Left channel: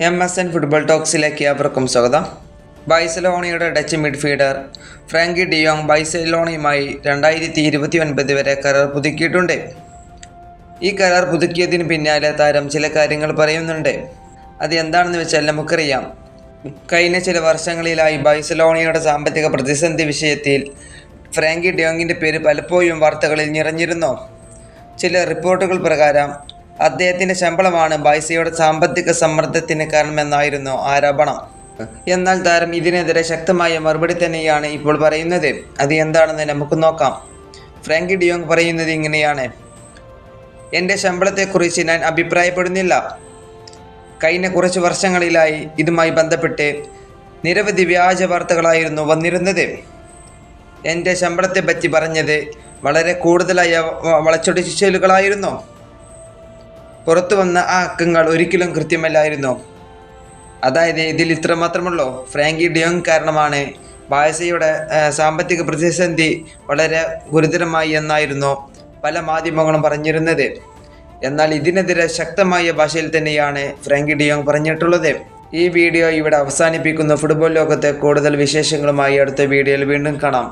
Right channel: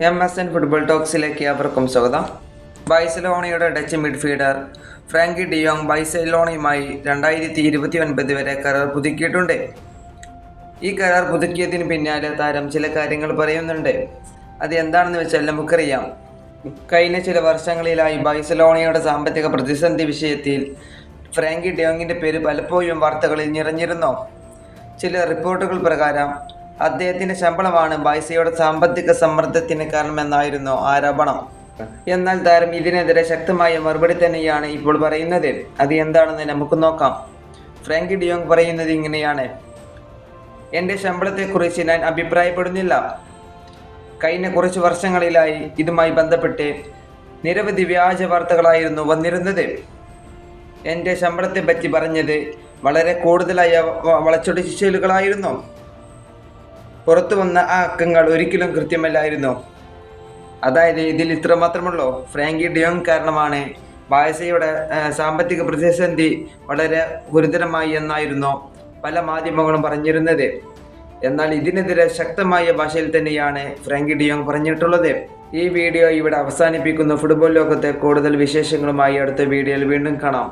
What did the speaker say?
M S N football ടോക്സിലേക്ക് അവർക്കും സ്വാഗതം. ബൈസലോണയുടെ Dutch midfielder Frenkie de Jong ബൈസലോണയുമായി രണ്ടായിരത്തി ഇരുപത്തി ഒൻപത് വരെ കരാർ പുതുക്കിയിട്ടുണ്ട്. ഈ കരാർ പുതുക്കിയതിന് പിന്നാലെ താരം ചില കാര്യങ്ങൾ പറയുന്നുണ്ട്. അത് എന്താണെന്ന് വെച്ചാൽ നമുക്കറിയാം. കഴിഞ്ഞ ചില വർഷങ്ങളിലായി ബൈസലോണയുടെ സാമ്പത്തിക പ്രതിസന്ധി വിഷയത്തിൽ ഫ്രാങ്കി ഡിയോങ്ങിന്റെ പേര് പലപ്പോഴും വാർത്തകളിൽ നിറഞ്ഞിരുന്നു. ചില റിപ്പോർട്ടുകൾ പ്രകാരം അദ്ദേഹത്തിന്റെ ശമ്പളമാണ് ബൈസയുടെ സാമ്പത്തിക സമ്മർദ്ദത്തിന് കാരണമെന്നായിരുന്നു ആരോപണം. എന്നാൽ താരം ഇതിനെതിരെ ശക്തമായ മറുപടി തന്നെയാണ് ഇപ്പോൾ പറയുന്നത്. അത് എന്താണെന്ന് നമുക്ക് നോക്കാം. ഫ്രാങ്കി ഡിയോങ് പറയുന്നത് ഇങ്ങനെയാണ്. എന്റെ ശമ്പളത്തെക്കുറിച്ച് ഞാൻ അഭിപ്രായപ്പെടുന്നില്ല. കഴിഞ്ഞ കുറച്ച് വർഷങ്ങളിലായി ഇതുമായി ബന്ധപ്പെട്ട് നിരവധി വ്യാജ വാർത്തകളായിരുന്നു വന്നിരുന്നത്. എന്റെ ശമ്പളത്തെ പറ്റി പറഞ്ഞത് വളരെ കൂടുതലായ വളച്ചൊടിച്ചിലുകളായിരുന്നു പുറത്തു വന്ന ആ അക്കങ്ങൾ ഒരിക്കലും കൃത്യമല്ലായിരുന്നു? അതായത് ഇതിൽ ഇത്ര മാത്രമുള്ളൂ? ഫ്രാങ്കി ഡിയോങ് കാരണമാണ് ബാഴ്സയുടെ സാമ്പത്തിക പ്രതിസന്ധി വളരെ ഗുരുതരമായി എന്നായിരുന്നു പല മാധ്യമങ്ങളും പറഞ്ഞിരുന്നത്. എന്നാൽ ഇതിനെതിരെ ശക്തമായ ഭാഷയിൽ തന്നെയാണ് ഫ്രാങ്കി ഡിയോങ് പറഞ്ഞിട്ടുള്ളത്. ഈ വീഡിയോ ഇവിടെ അവസാനിപ്പിക്കുന്ന. ഫുട്ബോൾ ലോകത്തെ കൂടുതൽ വിശേഷങ്ങളുമായി അടുത്ത വീഡിയോയിൽ വീണ്ടും കാണാം.